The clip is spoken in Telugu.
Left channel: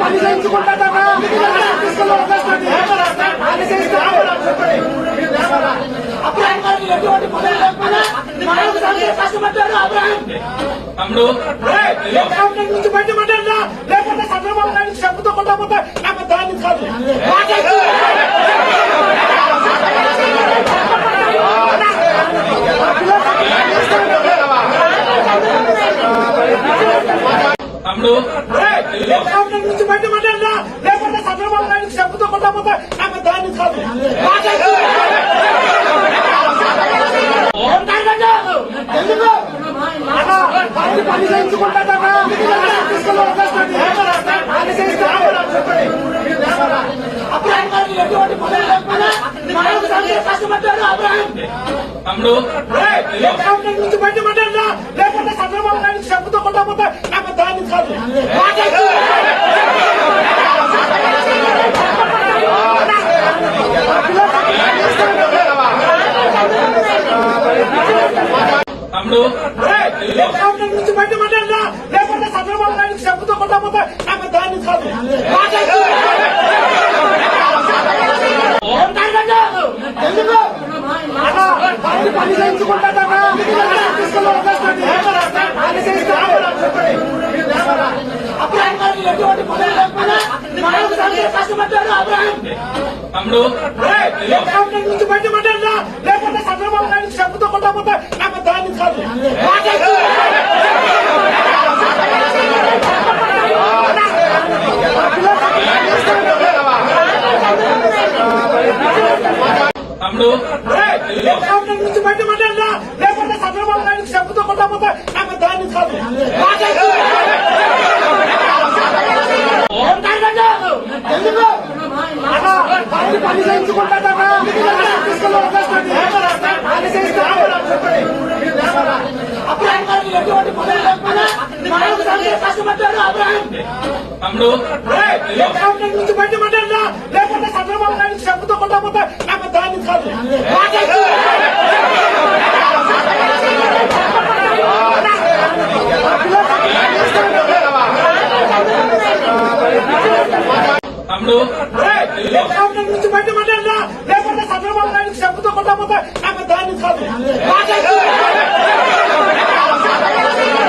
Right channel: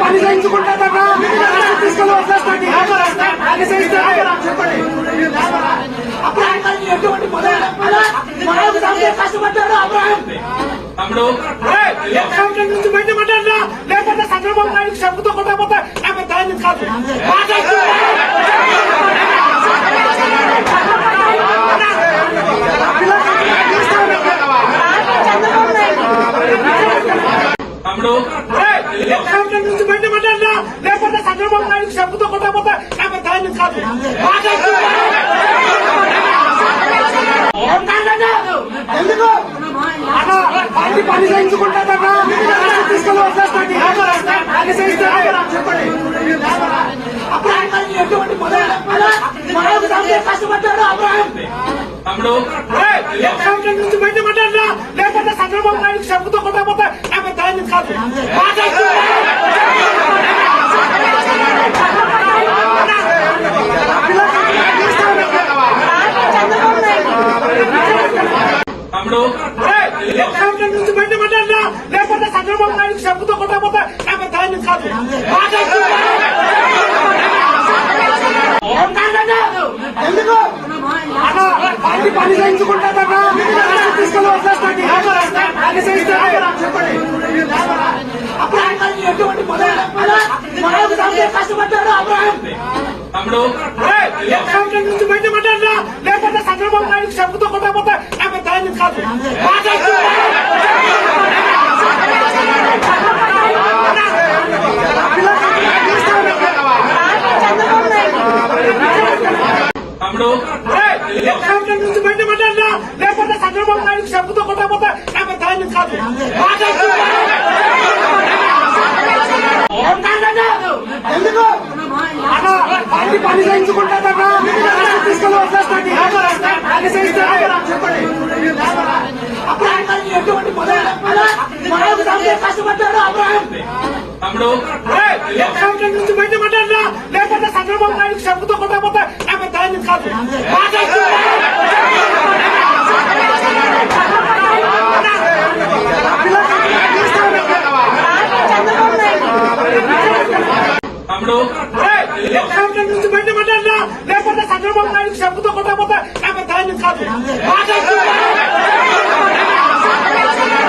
పని చేయించుకుంటారా తీసుకొని అప్పుడు ఎటువంటి కష్టపడ్డాడు అబ్రాహం తమ్ముడు నుంచి బయట పెట్టండి లేకపోతే చంద్రబాబు నాయుడు చెప్పుతో కొట్టకపోతే నాకు దాన్ని కాదు తమ్ముడు. లేకపోతే చంద్రబాబు నాయుడు చెప్పుతో కొట్టకపోతే నాకు దాన్ని కాదు. ఎందుకు? పార్టీ పని చేయించుకుంటారా తీసుకొని వచ్చేస్తాను చెప్పండి. అప్పుడు ఆయన ఎటువంటి కష్టపడ్డాడు బయట పెట్టండి లేకపోతే చంద్రబాబు నాయుడు చెప్పుతో కొట్టకపోతే నాకు దాన్ని కాదు తమ్ముడు గవర్నమెంట్ నుంచి బయట పెట్టండి లేకపోతే చంద్రబాబు నాయుడు చెప్పుతో కొట్టకపోతే నాకు దాన్ని కాదు ఎందుకు అలా పార్టీ పని చేయించుకుంటారా ఎటువంటి మొదలు లేకపోయినా మనకు సందే కష్టపడ్డాడు అబ్రాహం తమ్ముడు గవర్నమెంట్ నుంచి బయట పెట్టండి లేకపోతే చంద్రబాబు నాయుడు చెప్పుతో కొట్టకపోతే నాకు దాన్ని కాదు తమ్ముడు గవర్నమెంట్ నుంచి బయట పెట్టండి లేకపోతే చంద్రబాబు నాయుడు చెప్పుతో కొట్టకపోతే నాకు దాన్ని కాదు తమ్ముడు నుంచి బయట పెట్టండి లేకపోతే చంద్రబాబు నాయుడు చెప్పుతో కొట్టకపోతే నాకు దాన్ని కాదు తమ్ముడు నుంచి బయట పెట్టండి లేకపోతే చంద్రబాబు నాయుడు చెప్పుతో కొట్టకపోతే నాకు దాన్ని కాదు